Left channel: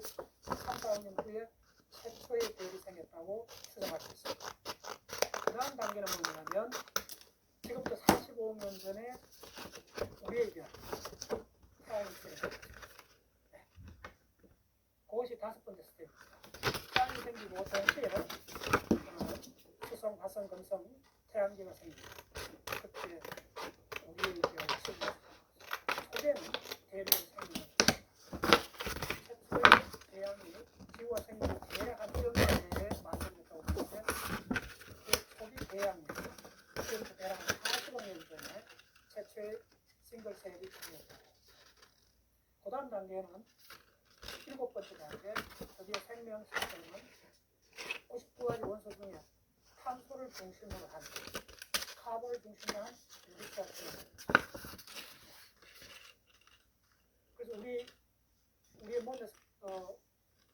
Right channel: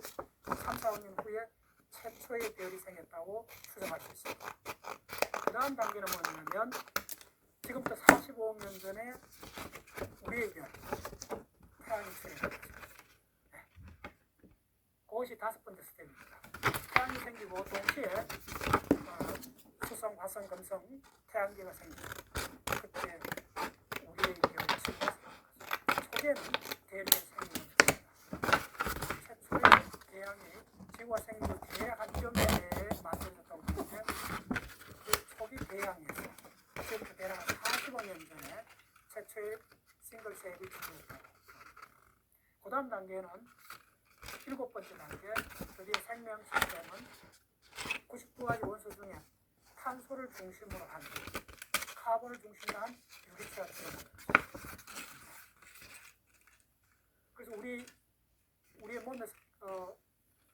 3, 4년 후에 최초의 배열이 생겼다고 추정할 수 있습니다. 그 다음 단계는 뭐냐면 지금부터 45년 전에 우리의 별 태양이 생겼습니다. 네. 그것이 5번째 스텝입니다. 태양이 생기고 동시에 수성, 화성, 금성, 태양계가 생깁니다. 그때 우리의 별 지구가 생깁니다. 초기에는 대륙이 생깁니다. 최초의 태양이 지구가 생기기 뒤에 한 1년 내에 만들어졌다고 하는데 그 초기 대양에서 지금부터 대략 45년 전에 최초의 싱글 셀이 지구였다. 그 다음 단계는 7번째 단계, 드디어 생명 시스템은 99가지 원소 중에 탄소를 중심으로 한 카본을 중심으로 한 유기체가 들어갑니다. 그래서 우리의 몸에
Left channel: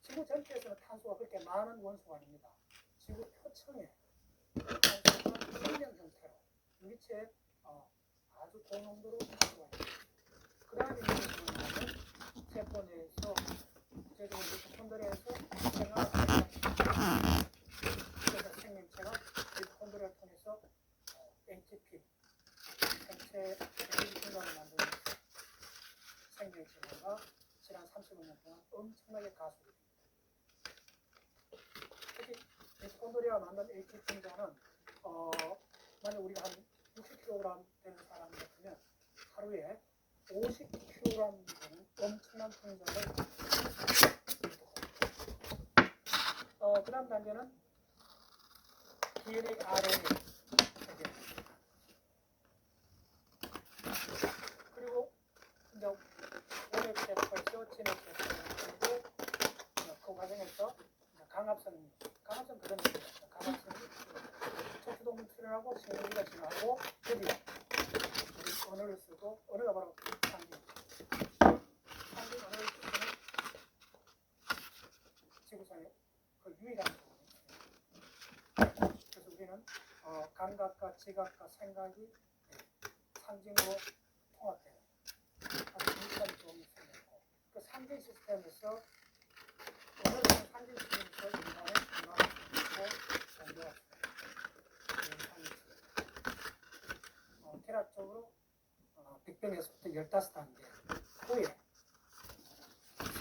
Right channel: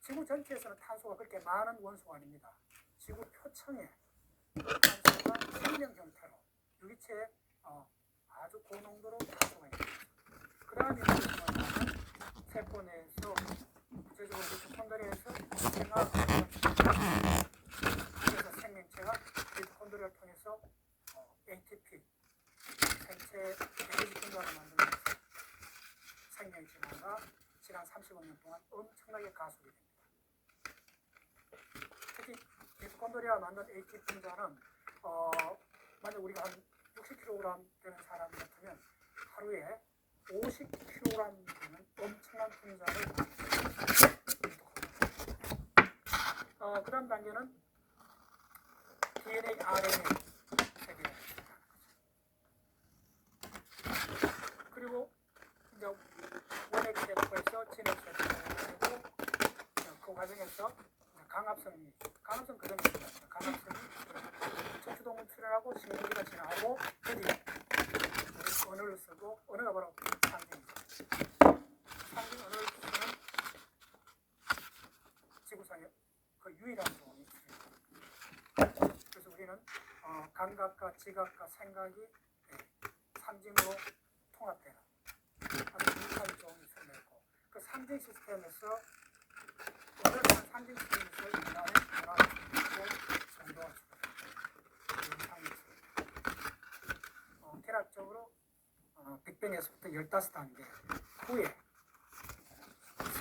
지구 전체에서는 탄소가 그렇게 많은 원소가 아닙니다. 지구 표층에 탄소가 생명 형태로 유기체에 아주 고농도로 탄소가 있습니다. 그 다음에 세포 내에서 구체적으로 미토콘드리아에서 그래서 생명체가 미토콘드리아를 통해서 ATP 생체 에너지 분자를 만들면서 생명의 진화가 지난 35년 동안 엄청나게 가속이 됩니다. 특히 미토콘드리아 만든 ATP 분자는 만약 우리가 한 60kg 되는 사람 같으면 하루에 50kg 되는 엄청난 분자를 그 다음 단계는 DNA, RNA 세계를 그리고 이제 원액 세포에서 진액 세포 그리고 그 과정에서 강합성 그런 게 있습니다. 강합성이 척추동물 출현하고 신경기가 진화하고 드디어 언어를 쓰고 언어가 바로 상징입니다. 상징 언어를 쓰는 지구상의 그 유일한 종이 그래서 우리는 감각과 지각과 생각이 상징으로 통합되는 아주 유일한 종이 생겼고 그 상징 시스템에서 언어라는 상징 시스템에서 인간의 문화를 지키고 정보할 수 있는 대략적으로 빅뱅에서부터 15단계 후에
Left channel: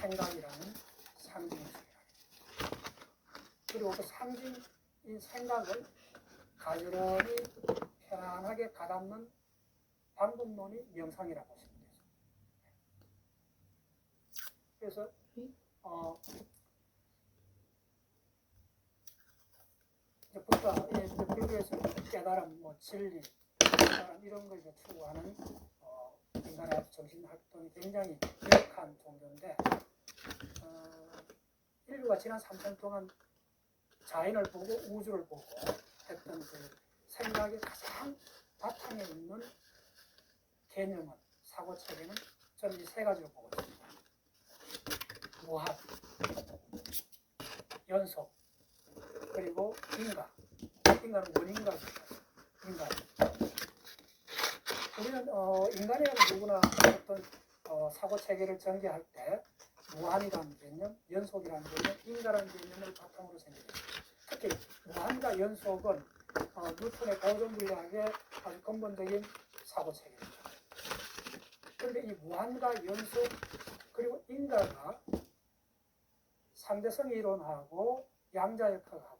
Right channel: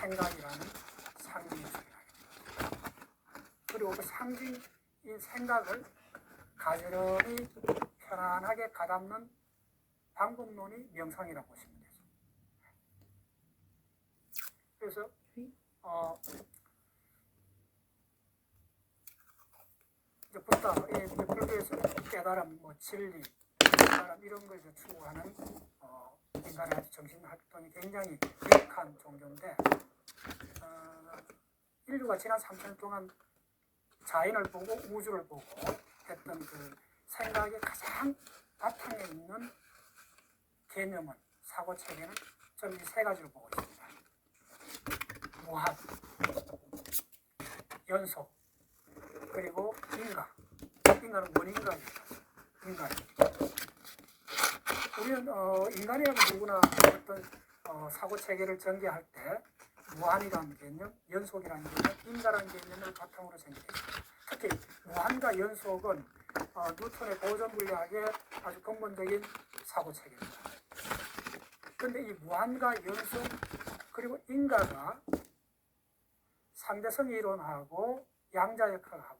생각이라는 상징이 생겨납니다. 그리고 그 상징인 생각을 가지런히 편안하게 가담는 방법론이 명상이라고 보시면 되죠. 그래서 이제 부터 불교에서 깨달음, 진리, 깨달음 이런 걸 추구하는 인간의 정신 활동이 굉장히 유익한 종교인데 인류가 지난 3천 동안 자연을 보고 우주를 보고 했던 그 생각의 가장 바탕에 있는 개념은 사고체계는 저는 이 세 가지로 보고 있습니다. 무한, 연속, 그리고 인간. 인간은 원인간입니다. 인간. 우리는 인간이라면 누구나 어떤 사고체계를 전개할 때 무한이라는 개념, 연속이라는 개념, 인간이라는 개념을 바탕으로 생각했습니다. 특히 무한과 연속은 뉴턴의 보존 물리학의 아주 근본적인 사고체계입니다. 그런데 이 무한과 연속 그리고 인과가 상대성 이론하고 양자역학하고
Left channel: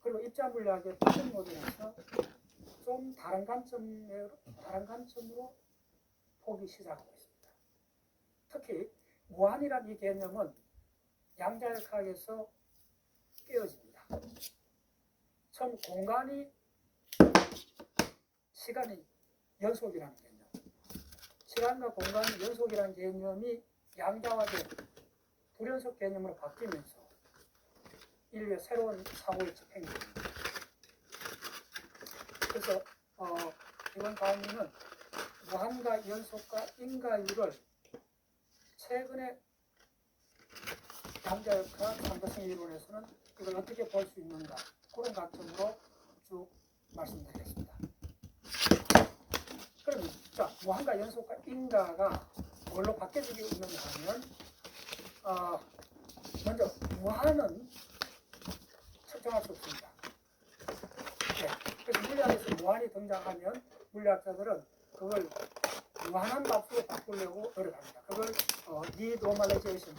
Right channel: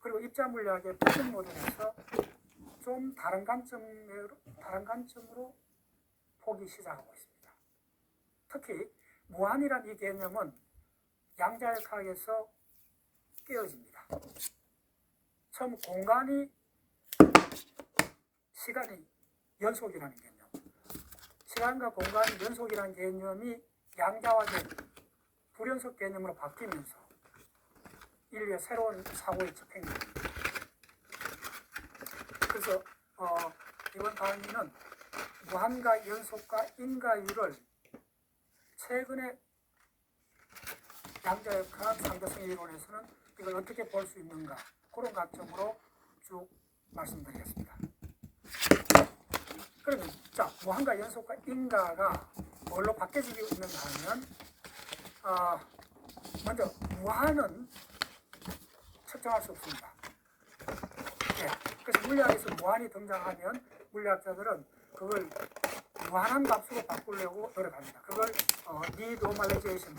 그리고 입자 물리학의 표준 모델에서 좀 다른 관점으로 보기 시작하고 있습니다. 특히 무한이라는 이 개념은 양자역학에서 깨어집니다. 처음 공간이 시간이 연속이라는 개념, 시간과 공간이 연속이라는 개념이 양자화된 불연속 개념으로 바뀌면서 인류의 새로운 사고의 집행입니다. 그래서 이번 강의는 무한과 연속과 인과율을 최근에 양자역학 상대성 이론에서는 이걸 어떻게 볼 수 있는가 그런 관점으로 쭉 말씀드리겠습니다. 그러면 자 무한과 연속과 인과가 뭘로 바뀌어지고 있는가 하면 먼저 무한은 측정할 수 없습니다. 네. 그래서 물리학에서 무한이 등장하면 물리학자들은 그걸 무한한 값으로 바꾸려고 노력합니다. 그걸 디노멀라이제이션,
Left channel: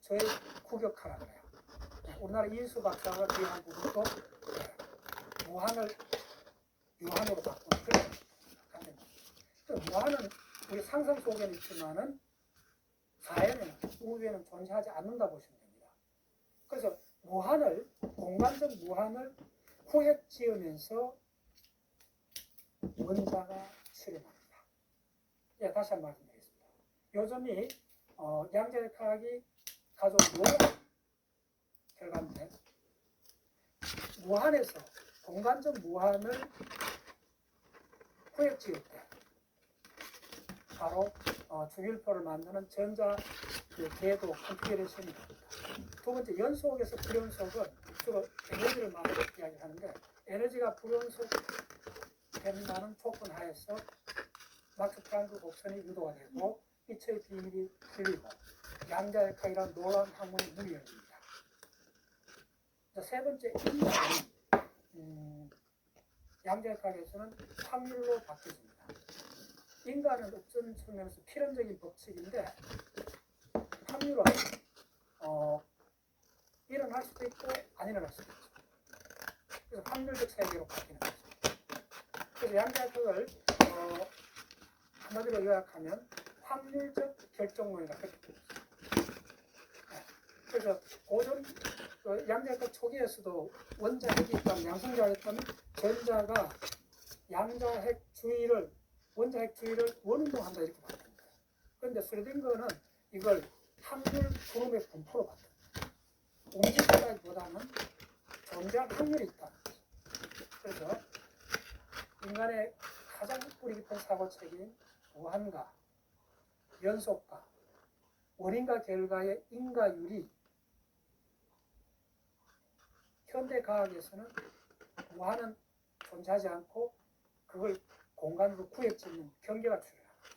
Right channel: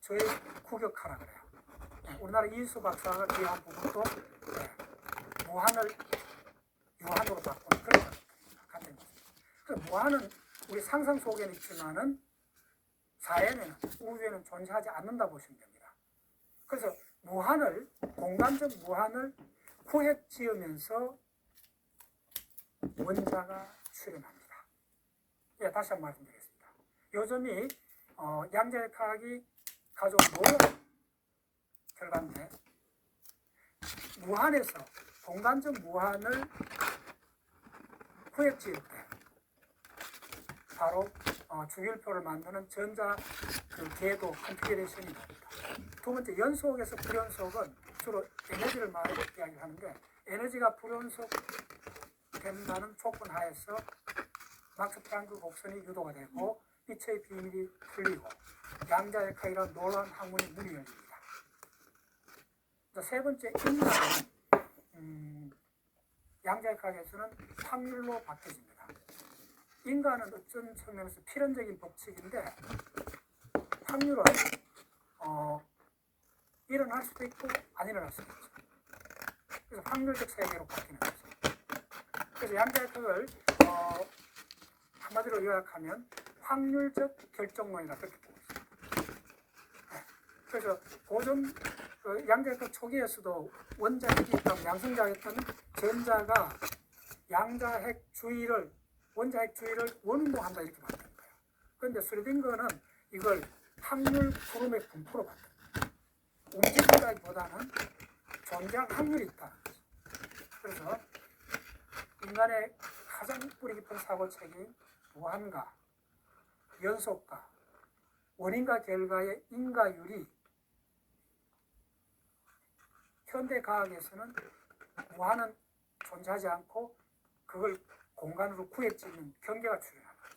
재국역화라고 해요. 네. 우리나라 이수 박사가 기여한 부분도 무한을 유한으로 바꾸는 그런 감정입니다. 그 무한은 우리 상상 속에는 있지만은 사회는, 우주에는 존재하지 않는다 보시면 됩니다. 그래서 무한을, 공간적 무한을 후획 지으면서 원자가 출현합니다. 예, 다시 한번 말씀드리겠습니다. 요즘이 양자역학이 가져온 놀라운 결과인데, 무한에서 공간적 무한을 후획 지을 때 바로 주기율표를 만드는 전자 궤도 컨피그레이션이 됩니다. 두 번째, 연속에서 불연속은 주로 에너지를 이야기하는데, 에너지가 불연속 된다는 조건 하에서 막스 플랑크 곡선이 유도가 되고 빛의 비밀이 풀리고 양자역학이라는 놀라운 학문이 문이 열립니다. 세 번째, 인간은 양자역학에서는 확률로 바뀌어집니다. 인간은 어떤 측면에서 필연적인 법칙인데 확률은 일어날 수도 있고 안 일어날 수도 있죠. 그래서 확률적 세계로 바뀌는 거죠. 그래서 양자역학을 한마디로 요약하면 확률적 결정론이라 그렇게 부릅니다. 네. 그래서 고전 양자역학 초기에서도 원자핵이 있다면, 양성자가 있다면 전자가 양자핵 주위를, 원자핵 주위를 원운동한다 이렇게 봤던 거예요. 그런데 스레딩거는 이걸 확률 구름의 분포로 봤던 거예요. 움직이기보다는 존재할 확률이 있다는 거죠. 그래서 인간의 가장 뿌리 깊은 사고책인 무한과 연속과 원인과 결과의 인과율이 현대 과학에서는 무한은 존재하지 않고 그걸 공간으로 구획짓는 경계가 출현합니다.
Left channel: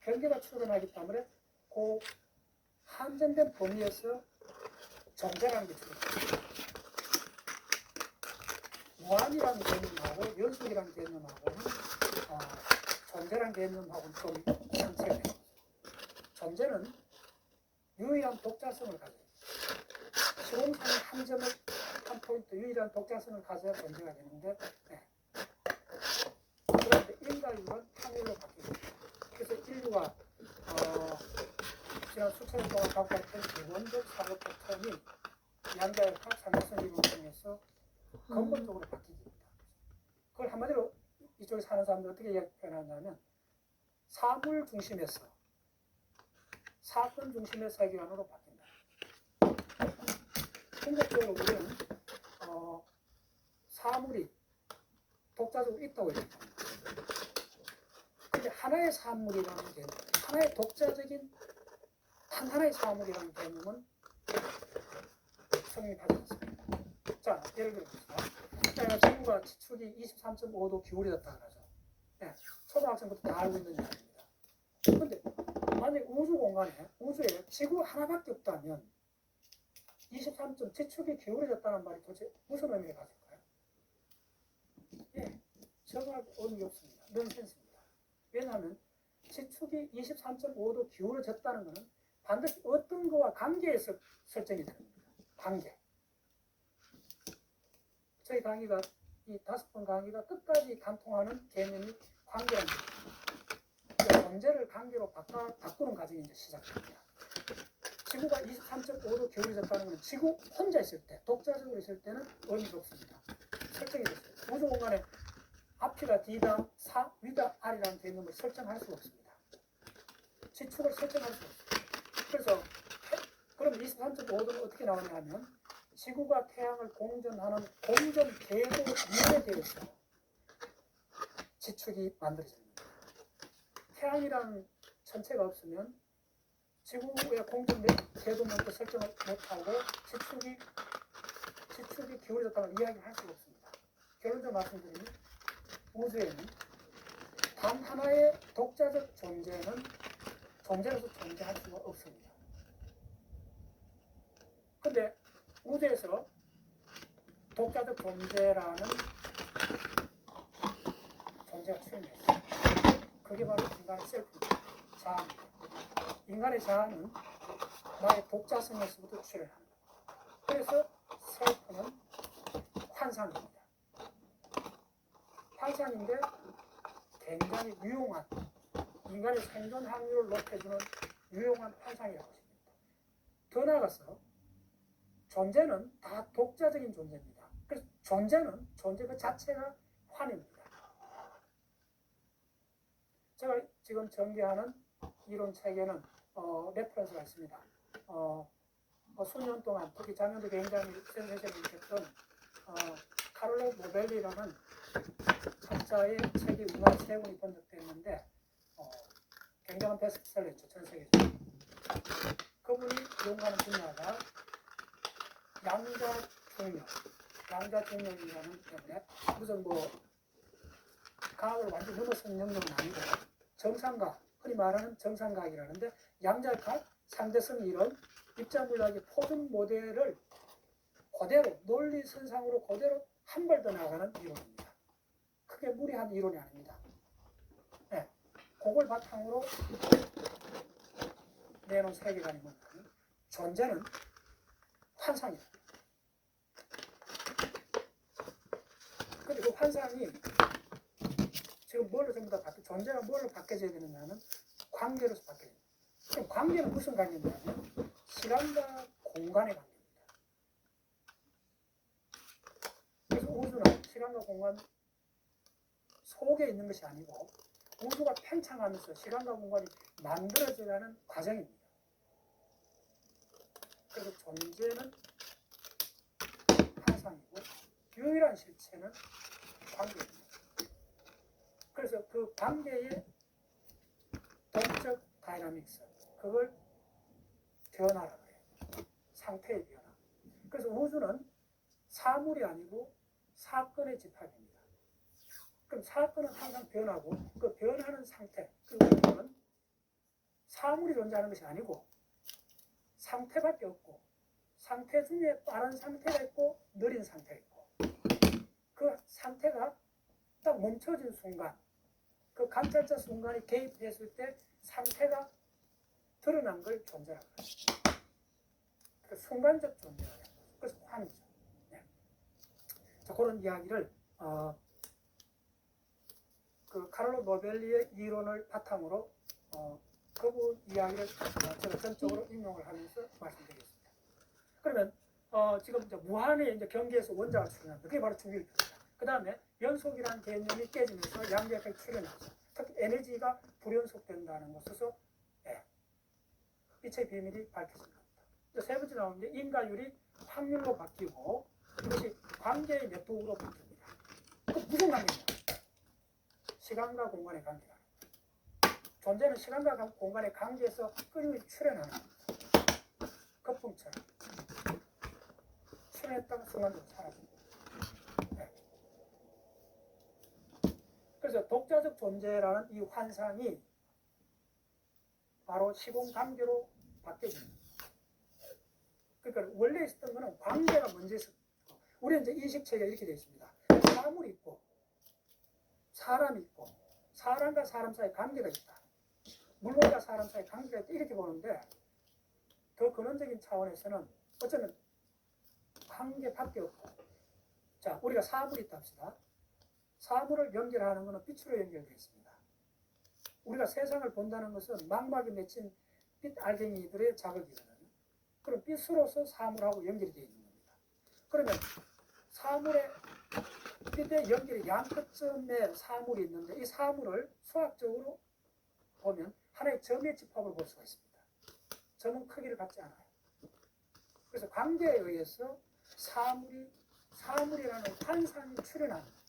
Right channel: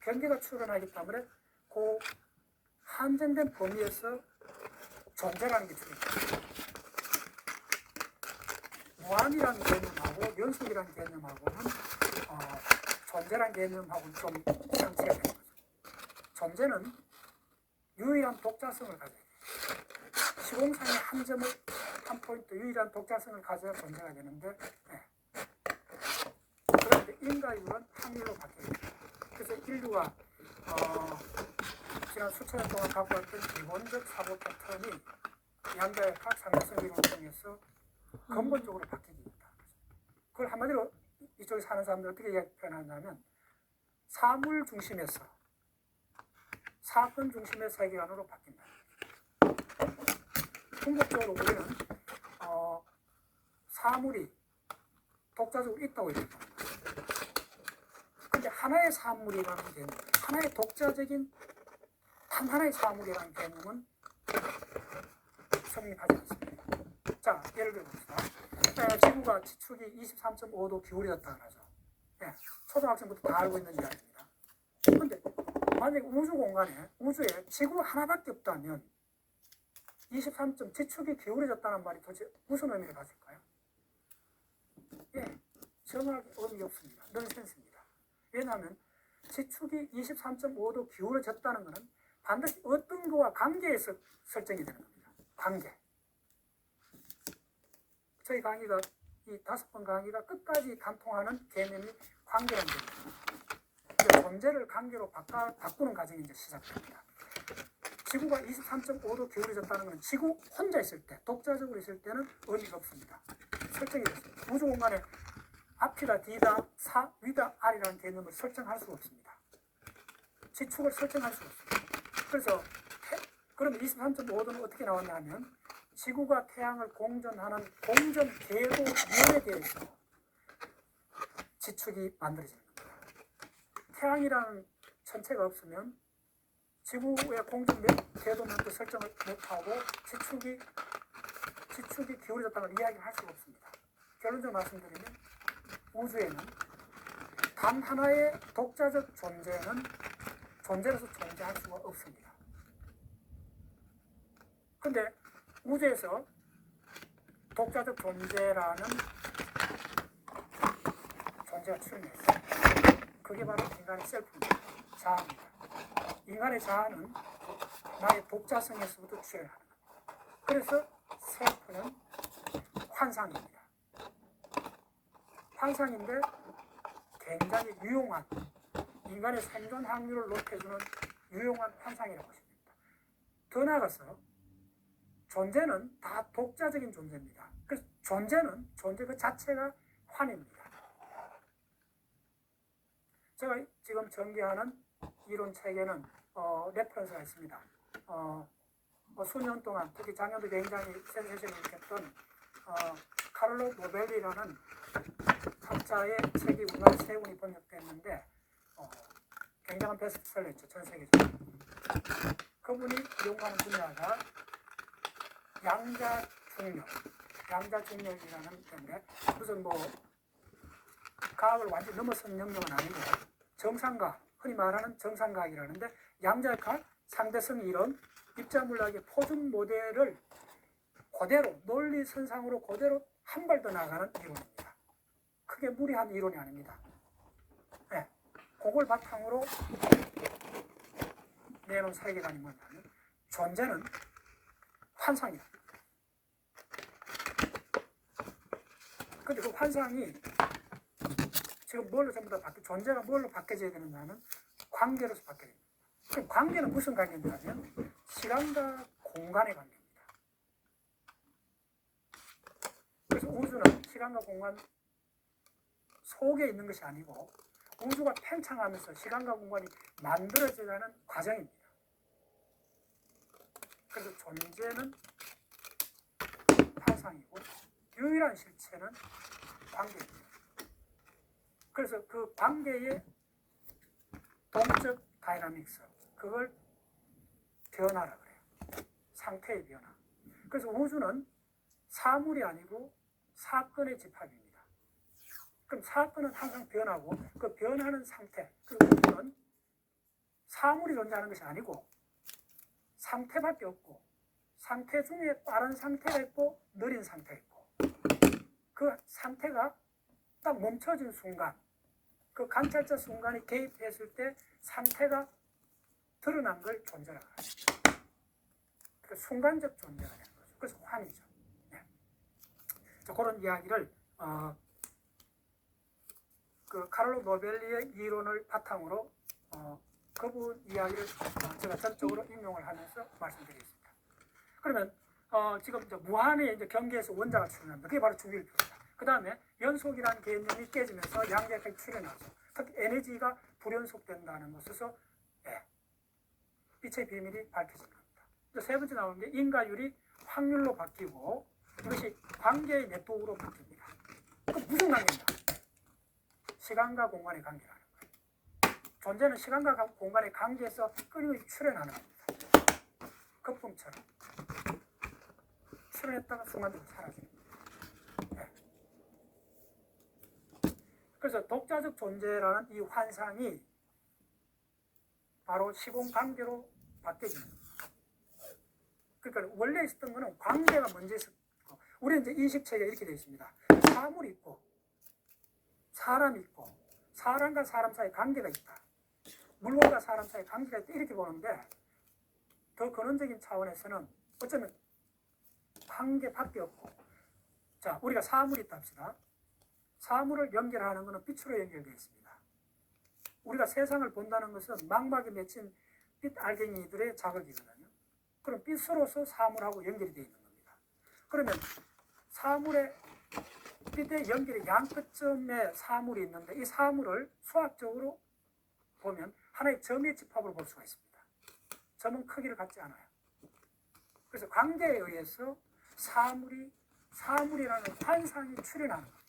경계가 출현하기 때문에 그 한정된 범위에서 존재라는 게 출현합니다. 무한이라는 개념하고 연속이라는 개념하고는 존재라는 개념하고는 좀 상치가 되는 거죠. 존재는 유일한 독자성을 가져야 돼요. 시공상의 한 점을, 한 포인트, 유일한 독자성을 가져야 존재가 되는데, 네. 그런데 인과율은 확률로 바뀝니다. 그래서 인류가 지난 수천 년 동안 갖고 왔던 기본적 사고 패턴이 양자역학 상대성 이론을 통해서 근본적으로 바뀝니다. 그걸 한마디로 이쪽에 사는 사람들 어떻게 표현하냐면 사물 중심에서 사건 중심의 세계관으로 바뀐다. 궁극적으로 우리는 사물이 독자적으로 있다고 얘기합니다. 그런데 하나의 사물이라는 개념, 하나의 독자적인 하나의 사물이라는 개념은 성립하지 않습니다. 자, 예를 들어봅시다. 지구가 지축이 23.5도 기울어졌다고 하죠. 네, 초등학생부터 다 알고 있는 이야기입니다. 그런데 만약에 우주 공간에, 우주에 지구 하나밖에 없다면 23점 지축이 기울어졌다는 말이 도대체 무슨 의미를 가질까요? 예, 정말 의미가 없습니다. 넌센스입니다. 왜냐하면 지축이 23.5도 기울어졌다는 것은 반드시 어떤 거와 관계에서 설정이 되는 겁니다. 관계. 저희 강의가 이 5번 강의가 끝까지 관통하는 개념이 관계라는 개념입니다. 존재를 관계로 바꾸는 과정이 이제 시작됩니다. 지구가 23.5도 기울어졌다는 것은 지구 혼자 있을 때, 독자적으로 있을 때는 의미가 없습니다. 설정이 됐습니다. 우주 공간에 앞이다, 뒤다, 위다, 아래라는 개념을 설정할 수가 없습니다. 지축을 설정할 수가 없습니다. 그래서 그럼 23.5도는 어떻게 나왔냐 하면 지구가 태양을 공전하는 공전 궤도 면에 대해서 지축이 만들어지는 겁니다. 태양이라는 천체가 없으면 지구의 공전 궤도면도 설정을 못하고 지축이 기울어졌다는 이야기를 할 수가 없습니다. 결론적으로 말씀드리면 우주에는 단 하나의 독자적 존재는 존재로서 존재할 수가 없습니다. 근데 우주에서 독자적 존재라는 존재가 출현했어요. 그게 바로 인간의 셀프입니다. 자아입니다. 인간의 자아는 나의 독자성에서부터 출현하는 겁니다. 그래서 셀프는 환상입니다. 환상인데 굉장히 유용한, 인간의 생존 확률을 높여주는 유용한 환상이라고 하십니다. 더 나아가서 존재는 다 독자적인 존재입니다. 그래서 존재 그 자체가 환입니다. 제가 지금 전개하는 이론 체계는 레퍼런스가 있습니다. 수년 동안, 특히 작년도 굉장히 센세이션을 일으켰던 카를로 노벨리라는 학자의 책이 우리나라 3권이 번역됐는데 굉장한 베스트셀러였죠, 전 세계적으로. 그분이 연구하는 분야가 양자중력이라는 때문에 무슨 과학을 완전히 넘어선 영역은 아니고 정상과학, 흔히 말하는 정상과학이라는데 양자역학, 상대성 이론, 입자물학의 표준 모델을 그대로 논리선상으로 그대로 한 발 더 나가는 이론입니다. 크게 무리한 이론이 아닙니다. 네, 그걸 바탕으로 내놓은 세계관이 뭐냐면 존재는 환상이다. 근데 그 환상이 지금 뭘로 전부 다 존재가 뭘로 바뀌어져야 되느냐는 관계로서 바뀌어야 됩니다. 그럼 관계는 무슨 관계냐면 시간과 공간의 관계입니다. 그래서 우주는 시간과 공간 속에 있는 것이 아니고 우주가 팽창하면서 시간과 공간이 만들어져가는 과정입니다. 그래서 존재는 환상이고 유일한 실체는 관계입니다. 그래서 그 관계의 동적 다이나믹스, 그걸 변화라 그래요. 상태의 변화. 그래서 우주는 사물이 아니고 사건의 집합입니다. 그럼 사건은 항상 변하고 그 변하는 상태, 그 우주는 사물이 존재하는 것이 아니고 상태밖에 없고 상태 중에 빠른 상태가 있고 느린 상태가 있고 그 상태가 딱 멈춰진 순간 그 관찰자 순간이 개입했을 때 상태가 드러난 걸 존재라고 합니다. 그 순간적 존재가 되는 거죠. 그래서 환이죠. 네. 자, 그런 이야기를 그 카를로 노벨리의 이론을 바탕으로 그분 이야기를 제가 전적으로 인용을 하면서 말씀드리겠습니다. 그러면 지금 이제 무한의 이제 경계에서 원자가 출현합니다. 그게 바로 주기율표입니다. 그 다음에 연속이라는 개념이 깨지면서 양자역학이 출현하죠. 특히 에너지가 불연속된다는 것에서 빛의 비밀이 밝혀진 겁니다. 세 번째 나오는 게 인과율이 확률로 바뀌고 그것이 관계의 네트워크로 바뀝니다. 그 무슨 관계냐? 시간과 공간의 관계라는 거예요. 존재는 시간과 공간의 관계에서 끊임없이 출현하는 겁니다. 거품처럼 출현했다가 순간적으로 사라집니다. 그래서 독자적 존재라는 이 환상이 바로 시공관계로 바뀌어집니다. 그러니까 원래 있었던 거는 관계가 먼저 있었고 우리 이제 인식체계가 이렇게 되어 있습니다. 사물이 있고 사람이 있고 사람과 사람 사이에 관계가 있다. 물건과 사람 사이에 관계가 있다. 이렇게 보는데 더 근원적인 차원에서는 어쩌면 관계밖에 없고 자 우리가 사물이 있다 합시다. 사물을 연결하는 것은 빛으로 연결되어 있습니다. 우리가 세상을 본다는 것은 망막에 맺힌 빛 알갱이들의 자극이거든요. 그럼 빛으로서 사물하고 연결이 되어 있는 겁니다. 그러면 사물의 빛의 연결의 양끝점에 사물이 있는데 이 사물을 수학적으로 보면 하나의 점의 집합을 볼 수가 있습니다. 점은 크기를 갖지 않아요. 그래서 관계에 의해서 사물이라는 환상이 출현하는 겁니다.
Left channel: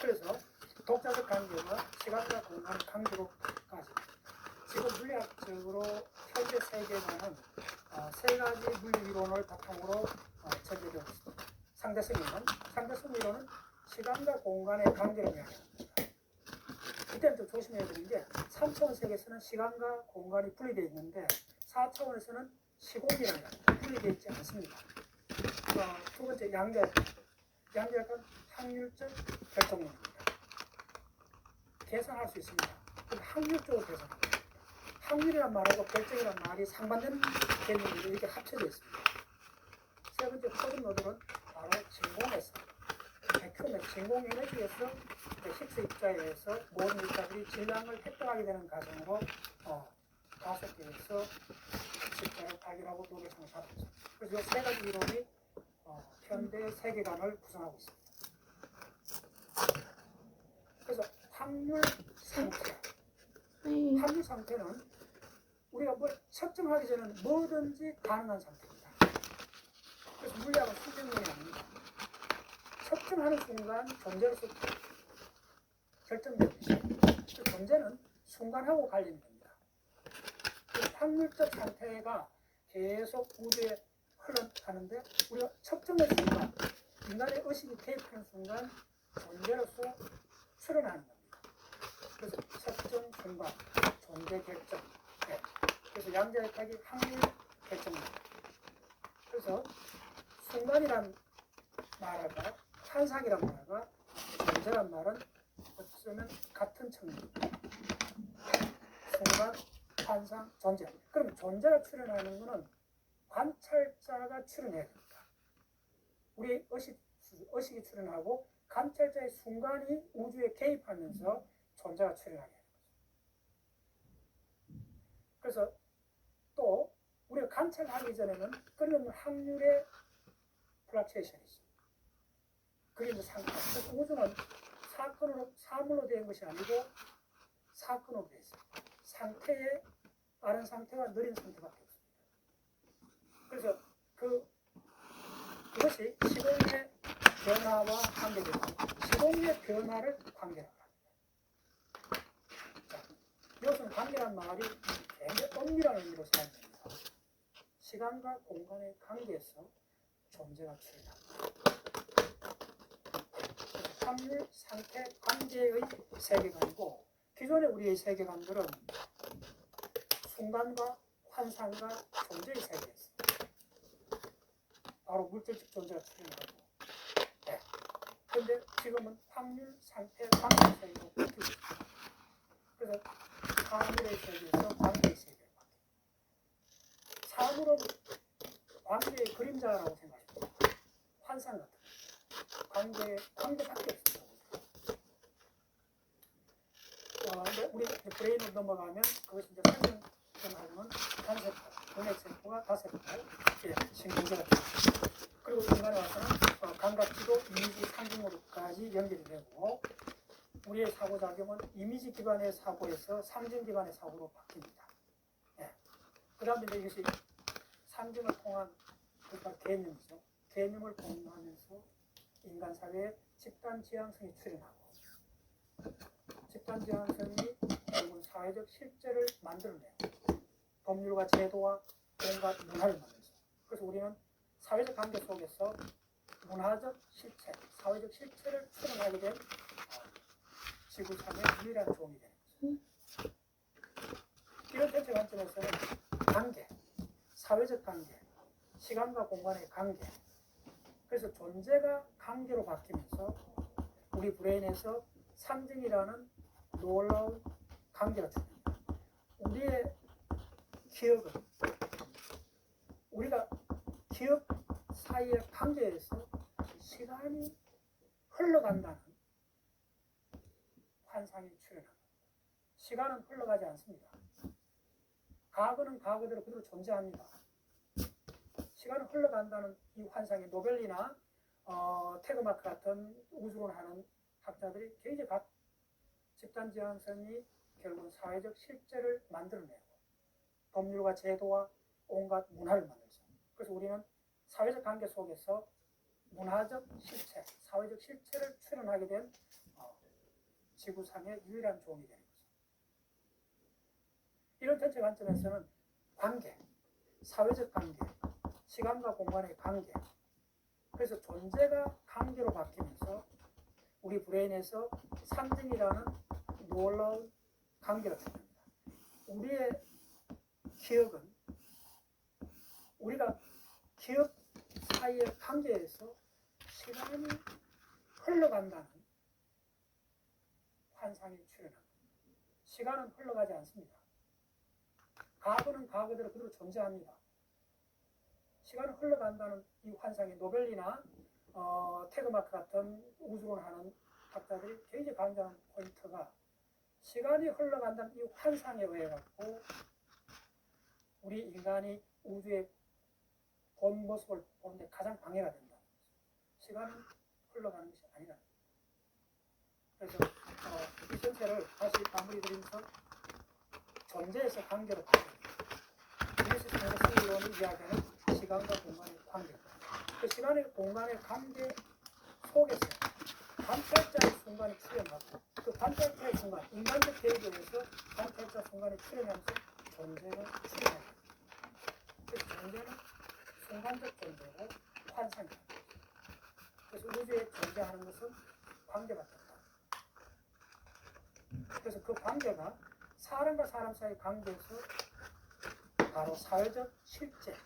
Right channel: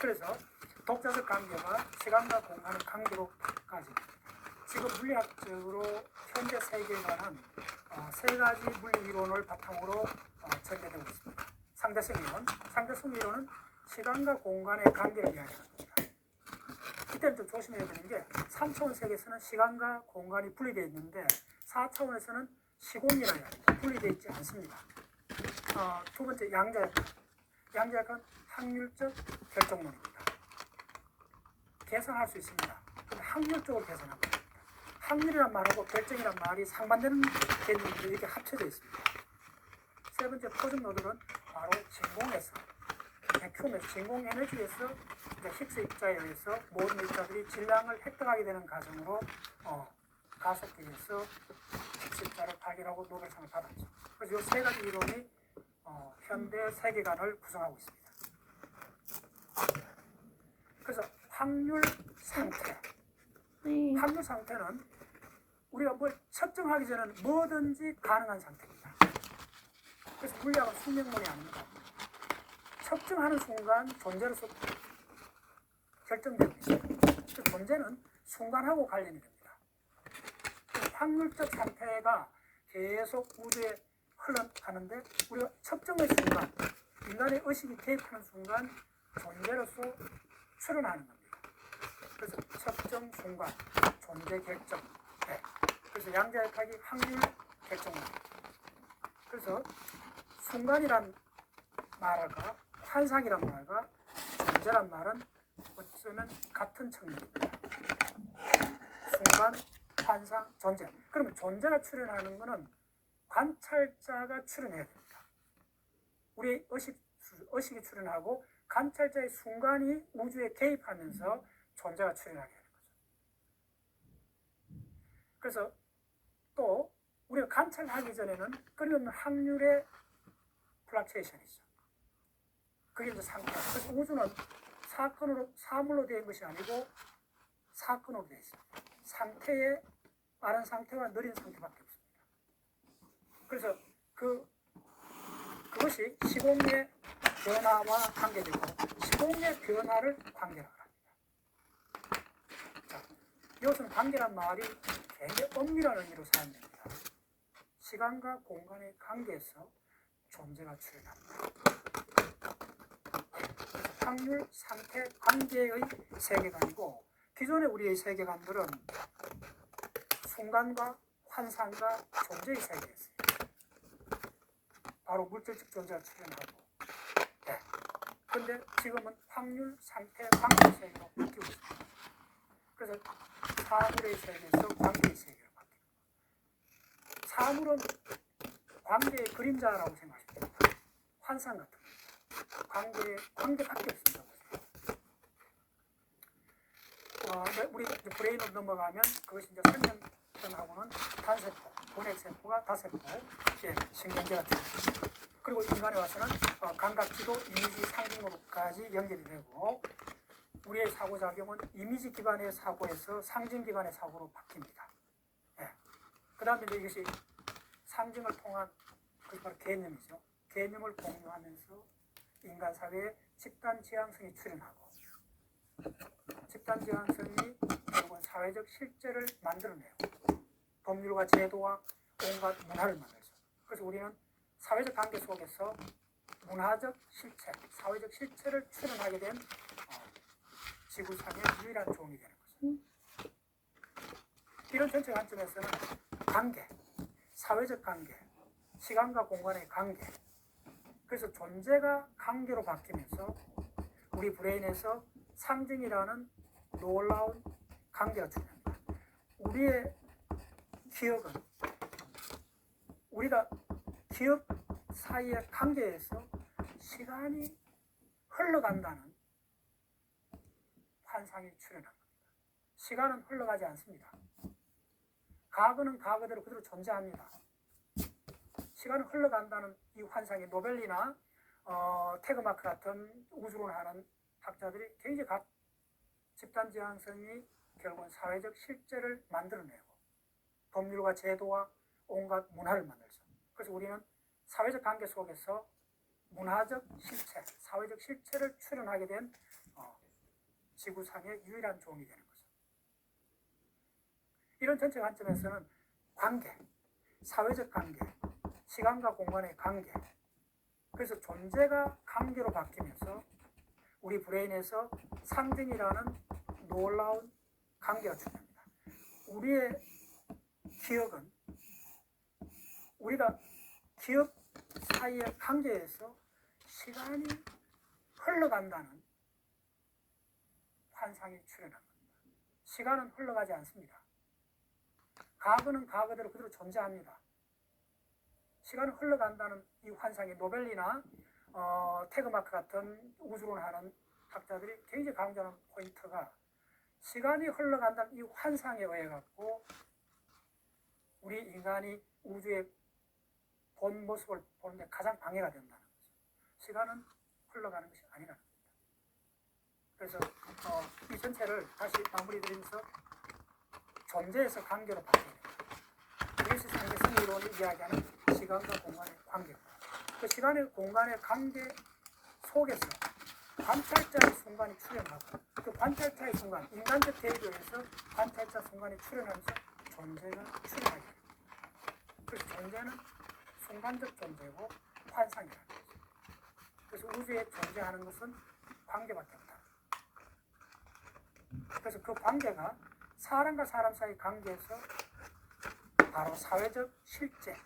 그래서 독자적 관계가 시간과 공간 관계로까지 지금 물리학적으로 현재 세계관은 세 가지 물리 이론을 바탕으로 전개되고 있습니다. 상대성 이론은 시간과 공간의 관계를 이야기합니다. 이때는 좀 조심해야 되는 게 3차원 세계에서는 시간과 공간이 분리되어 있는데 4차원에서는 시공이라야 분리되어 있지 않습니다. 두 번째 양자역학은 확률적 결정론입니다. 계산할 수 있습니다. 근데 확률적으로 계산합니다. 확률이란 말하고 결정이란 말이 상반되는 개념으로 이렇게 합쳐져 있습니다. 세 번째 포즘 노들은 바로 진공에서 진공 에너지에서 힉스 입자에 의해서 모든 입자들이 질량을 획득하게 되는 과정으로 가속기에서 힉스 입자를 발견하고 노벨상을 받았죠. 그래서 이 세 가지 이론이 현대 세계관을 구성하고 있습니다. 그래서 확률 상태는 우리가 뭘 측정하기 전에는 뭐든지 가능한 상태입니다. 그래서 물리학은 숙명론이 아닙니다. 측정하는 순간 존재로서 결정됩니다. 그 존재는 순간하고 관련이 됩니다. 그 확률적 상태가 계속 우주에 흘러가는데 우리가 측정의 순간, 인간의 의식이 개입하는 순간 존재로서 출현하는 겁니다. 그래서 측정 순간, 존재 결정. 그래서 양자역학이 확률 결정입니다. 그래서 순간이란 말과 환상이란 말과 존재란 말은 어쩌면 같은 측면입니다. 순간, 환상, 존재. 그러면 존재가 출현하는 것은 관찰자가 출현해야 됩니다. 우리 의식이 출현하고 관찰자의 순간이 우주에 개입하면서 존재가 출현하게 하는 거죠. 그래서 또 우리가 관찰하기 전에는 끊임없는 확률의 플락츄에이션이죠. 그게 이제 상태. 그래서 우주는 사물로 되어 있는 것이 아니고 사건으로 되어 있습니다. 상태에 빠른 상태와 느린 상태밖에 없습니다. 그래서 그것이 시공의 변화와 관계되고 시공의 변화를 관계로 합니다. 자, 이것은 관계란 말이 굉장히 엄밀한 의미로 사용됩니다. 시간과 공간의 관계에서 존재가 출현합니다. 확률, 상태, 관계의 세계관이고 기존의 우리의 세계관들은 순간과 환상과 존재의 세계였습니다. 바로 물질적 존재가 출현하고 그런데 지금은 확률, 상태, 관계의 세계로 바뀌고 있습니다. 그래서 사물의 세계에서 관계의 세계로 바뀝니다. 사물은 관계의 그림자라고 생각하시면 됩니다. 환상 같은 관계밖에 없습니다. 우리 브레인으로 넘어가면 그것이 이제 설명하고는 단세포, 공액세포가 다세포, 신경제가 됩니다. 그리고 인간에 와서는 감각지도, 이미지, 상징으로까지 연결이 되고 우리의 사고작용은 이미지 기반의 사고에서 상징 기반의 사고로 바뀝니다. 그 다음에 이것이 상징을 통한 그러니까 개념이죠. 개념을 공유하면서 인간 사회에 집단 지향성이 출현하고 집단 지향성이 결국은 사회적 실제를 만들어내고 법률과 제도와 온갖 문화를 만들죠. 그래서 우리는 사회적 관계 속에서 문화적 실체, 사회적 실체를 출현하게 된 지구상의 유일한 종이 되는 거죠. 이런 전체 관점에서는 관계, 사회적 관계, 시간과 공간의 관계, 그래서 존재가 관계로 바뀌면서 우리 브레인에서 상징이라는 놀라운 관계가 출현합니다. 우리의 기억은 우리가 기억 사이의 관계에서 시간이 흘러간다는 환상이 출현한 겁니다. 시간은 흘러가지 않습니다. 과거는 과거대로 그대로 존재합니다. 시간은 흘러간다는 이 환상이 노벨이나 태그마크 같은 우주론을 하는 학자들이 굉장히 집단지향성이 결국은 사회적 실제를 만들어내고 법률과 제도와 온갖 문화를 만들죠. 그래서 우리는 사회적 관계 속에서 문화적 실체, 사회적 실체를 출현하게 된 지구상의 유일한 종이 되는 거죠. 이런 전체 관점에서는 관계, 사회적 관계, 시간과 공간의 관계, 그래서 존재가 관계로 바뀌면서 우리 브레인에서 상징이라는 놀라운 관계가 출현합니다. 우리의 기억은 우리가 기업 사이의 관계에서 시간이 흘러간다는 환상이 출현합니다. 시간은 흘러가지 않습니다. 과거는 과거대로 그대로 존재합니다. 시간은 흘러간다는 이 환상이 노벨이나 태그마크 같은 우주론하는 학자들이 굉장히 강조하는 포인트가 시간이 흘러간다는 이 환상에 의해 갖고 우리 인간이 우주의 본 모습을 보는데 가장 방해가 된다는 거죠. 시간은 흘러가는 것이 아니라는 겁니다. 그래서 이 전체를 다시 마무리 드리면서 존재에서 관계로 바뀝니다. 뉴턴의 생리론이 이야기하는 시간과 공간의 관계입니다. 그 시간의 공간의 관계 속에서 관찰자의 순간이 출현하고 그 관찰자의 순간, 인간적 대비에서 관찰자 순간이 출현하면서 존재가 출현합니다. 그래서 존재는 순간적 존재고 환상이라는 거죠. 그래서 우주에 존재하는 것은 관계밖에 없다. 그래서 그 관계가 사람과 사람 사이 관계에서 바로 사회적 실제,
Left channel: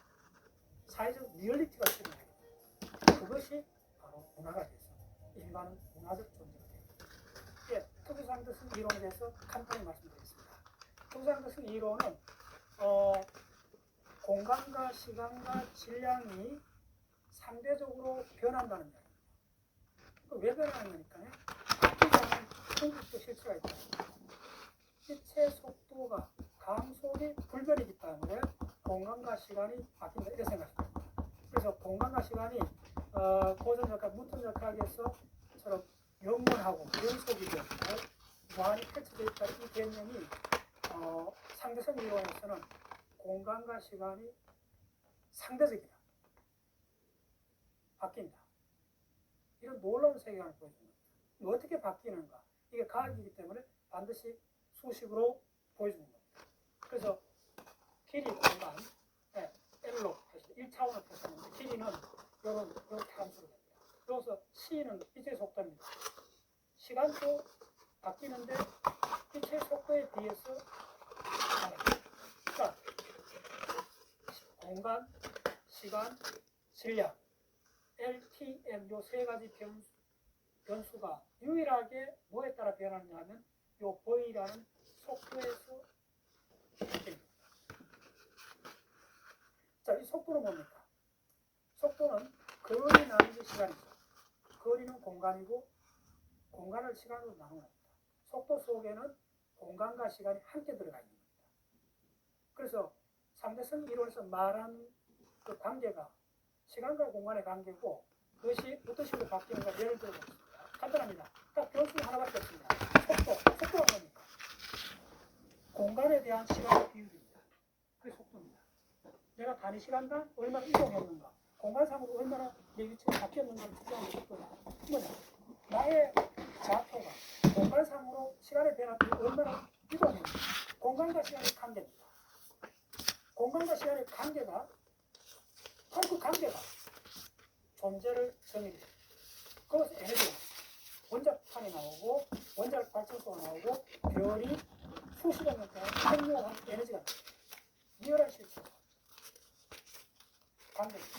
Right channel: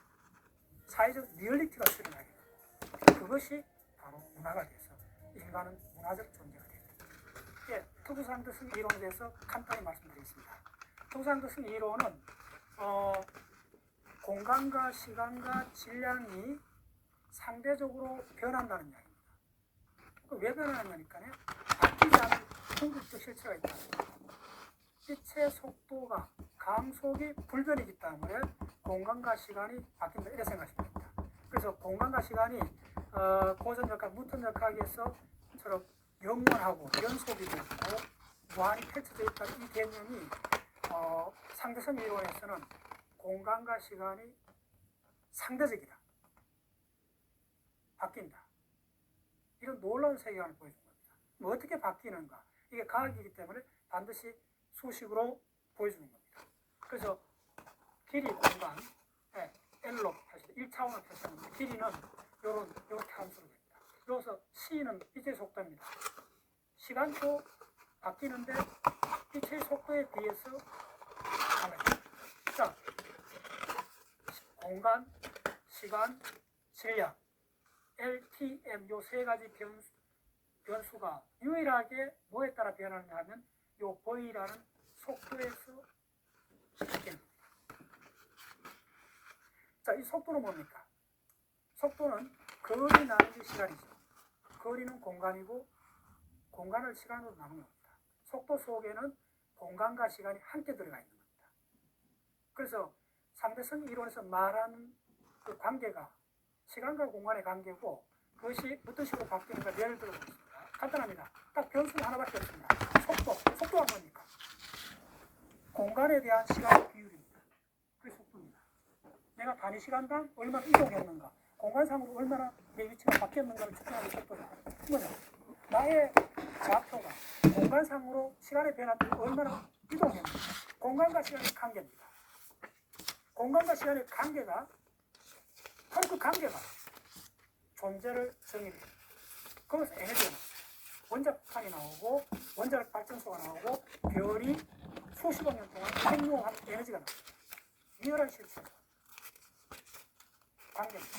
사회적 리얼리티가 출현하게 됩니다. 그것이 바로 문화가 돼서 인간은 문화적 존재가 됩니다. 예, 투구상대성 이론에 대해서 간단히 말씀드리겠습니다. 투구상대성 이론은 공간과 시간과 질량이 상대적으로 변한다는 이야기입니다. 왜 변하는 거니까요? 바뀌지 않는 궁극적 실체가 있다. 빛의 속도가 감속이 불변이기 때문에 공간과 시간이 바뀐다 이렇게 생각하시면 됩니다. 그래서 공간과 시간이 고전역학, 무턴역학에서처럼 영원하고 연속이 되고 무한히 펼쳐져 있다는 이 개념이 상대성 이론에서는 공간과 시간이 상대적이다. 바뀐다. 이런 놀라운 세계관을 보여준 겁니다. 뭐 어떻게 바뀌는가? 이게 과학이기 때문에 반드시 수식으로 보여주는 겁니다. 그래서 길이, 공간, L로 하시죠. 1차원을 표시하는데 길이는 이렇게 함수로 됩니다. 여기서 C는 빛의 속도입니다. 시간도 바뀌는데 빛의 속도에 비해서 자, 공간, 시간, 질량, LTM 요 세 가지 변수가 유일하게 뭐에 따라 변하느냐 하면 요 V라는 속도에서 바뀝니다. 자, 이 속도는 뭡니까? 속도는 거리 나누기 시간이죠. 거리는 공간이고 공간을 시간으로 나누는 겁니다. 속도 속에는 공간과 시간이 함께 들어가 있는 겁니다. 그래서 상대성 이론에서 말하는 그 관계가 시간과 공간의 관계고 그것이 어떤 식으로 바뀌는가 예를 들어보겠습니다. 간단합니다. 딱 변수 하나밖에 없습니다. 속도가 뭡니까? 공간에 대한 시간의 비율입니다. 그게 속도입니다. 내가 단위 시간당 얼마나 이동했는가, 공간상으로 얼마나 내 위치가 바뀌었는가를 측정하는 속도입니다. 뭐냐? 나의 좌표가 공간상으로 시간의 변화를 얼마나 이동했는가, 공간과 시간의 관계입니다. 공간과 시간의 관계가 바로 그 관계가 존재를 정의합니다. 그래서 에너지입니다. 원자판이 나오고 원자력 발전소가 나오고 별이 수십억 년 동안 생명한 에너지가 나옵니다. 리얼한 실체입니다. 관계입니다.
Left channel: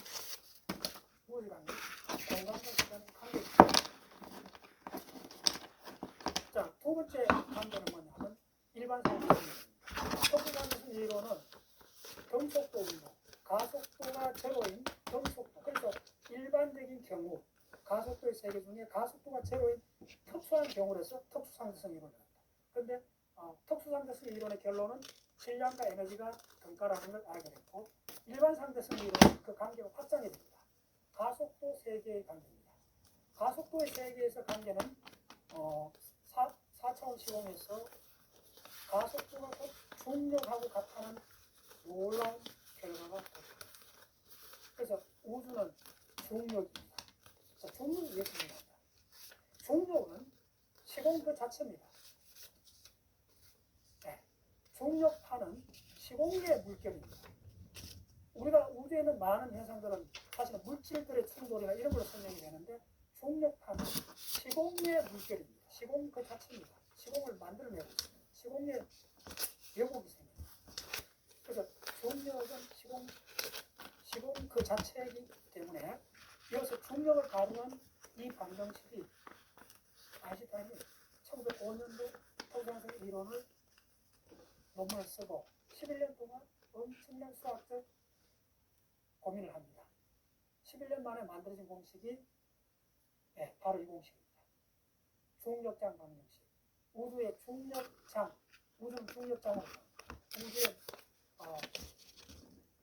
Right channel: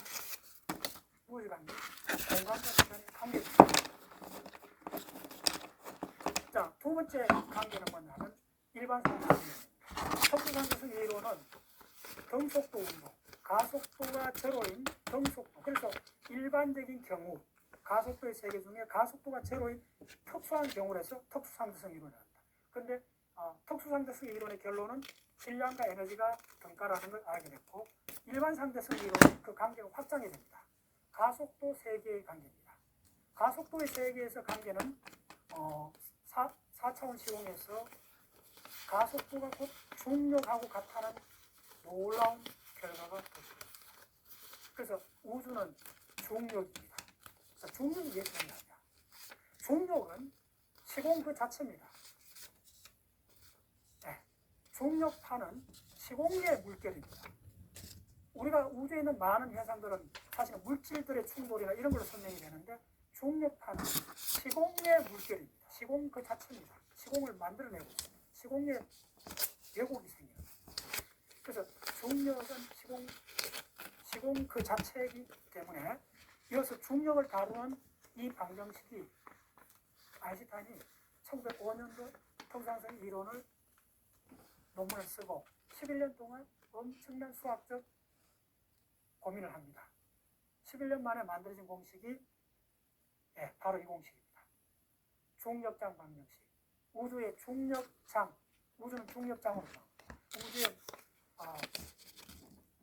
무엇이 관계? 공간과 시간의 관계입니다. 자, 두 번째 관계는 뭐냐면 일반상 관계입니다. 속도관계성 이론은 등속도 운동, 가속도가 제로인 등속도. 그래서 일반적인 경우 가속도의 세계 중에 가속도가 제로인 특수한 경우라서 특수상대성 이론을 합니다. 그런데 특수상대성 이론의 결론은 질량과 에너지가 등가라는 걸 알게 됐고 일반 상대성 이론은 그 관계가 확장이 됩니다. 가속도 세계의 관계입니다. 가속도의 세계에서 관계는 4차원 시공에서 가속도가 곧 중력하고 같다는 놀라운 결과가 됐습니다. 그래서 우주는 중력입니다. 자, 중력이 왜 중요하냐? 중력은 시공 그 자체입니다. 네. 중력파는 시공의 물결입니다. 우리가 우주에 있는 많은 현상들은 사실은 물질들의 충돌이나 이런 걸로 설명이 되는데 중력파는 시공의 물결입니다. 시공 그 자체입니다. 시공을 만들어내고 있습니다. 시공의 왜곡이 생깁니다. 그래서 중력은 시공 그 자체이기 때문에 이어서 중력을 다루는 이 방정식이 아인슈타인이 1905년도 통상성 이론을 논문을 쓰고 11년 동안 엄청난 수학적 고민을 합니다. 11년 만에 만들어진 공식이 바로 이 공식입니다. 중력장 방정식. 우주의 중력장, 우주는 중력장으로 우주의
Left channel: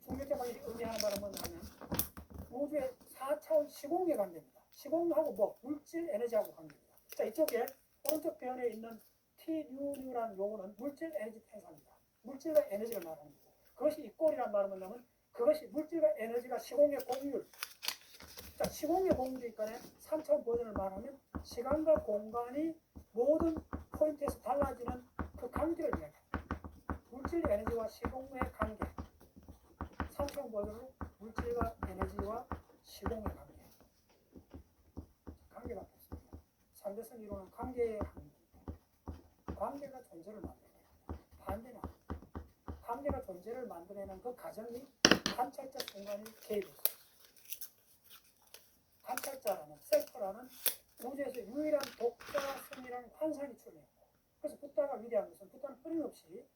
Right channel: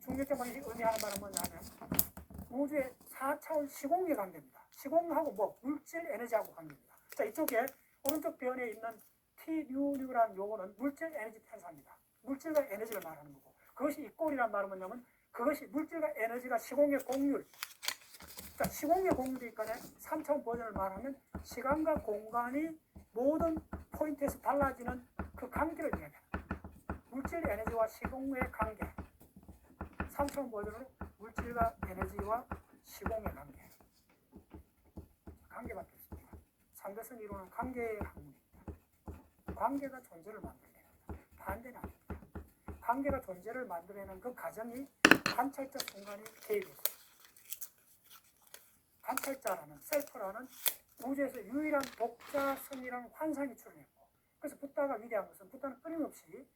중력장 방정식이 의미하는 바는 뭐냐면 우주의 4차원 시공의 관계입니다. 시공하고 물질 에너지하고 관계입니다. 자, 이쪽에 오른쪽 변에 있는 T뉴라는 요거는 물질 에너지 텐사입니다. 물질과 에너지를 말하는 거고, 그것이 이 꼴이란 말은 뭐냐면 그것이 물질과 에너지가 시공의 공률. 자, 시공의 공률이니까 3차원 버전을 말하면 시간과 공간이 모든 포인트에서 달라지는 그 관계를 이야기합니다. 물질 에너지와 시공의 관계. 3차원 버전은 물질과 에너지와 시공의 관계. 관계밖에 없습니다. 상대성 이론은 관계의 학문입니다. 관계가 존재를 만들어냅니다. 반대는 아닙니다. 관계가 존재를 만들어내는 그 과정이 관찰적 순간이 개입했습니다. 관찰자라는 셀프라는 우주에서 유일한 독자성이라는 환상이 출현했고, 그래서 붓다가 위대한 것은 붓다는 끊임없이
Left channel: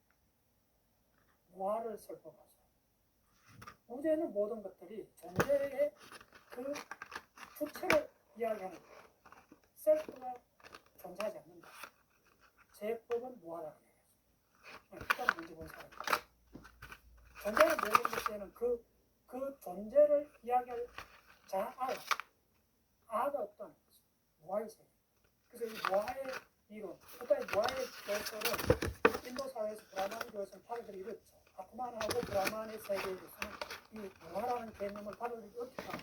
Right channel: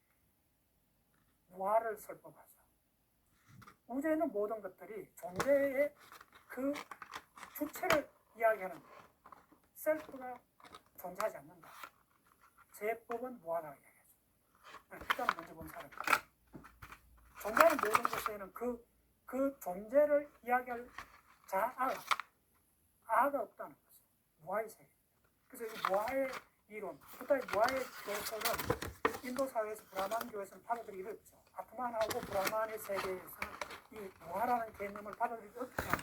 무아를 설법하죠. 우주에 있는 모든 것들이 존재의 그 주체를 이야기하는 셀프가 존재하지 않는다. 제법은 무하다고 이야기하죠. 붓다는 먼저 본 사람입니다. 존재하는 모든 것에는 그 존재를 이야기할 아가 없다는 거죠. 무아의 세계. 그래서 이 무아의 이론, 붓다의 무아의 개설은 인도 사회에서 브라만교에서는 받아들이기 어렵죠. 아트만하고 브라만의 세계에서는 이 무아라는 개념을 받아들이기 어렵다.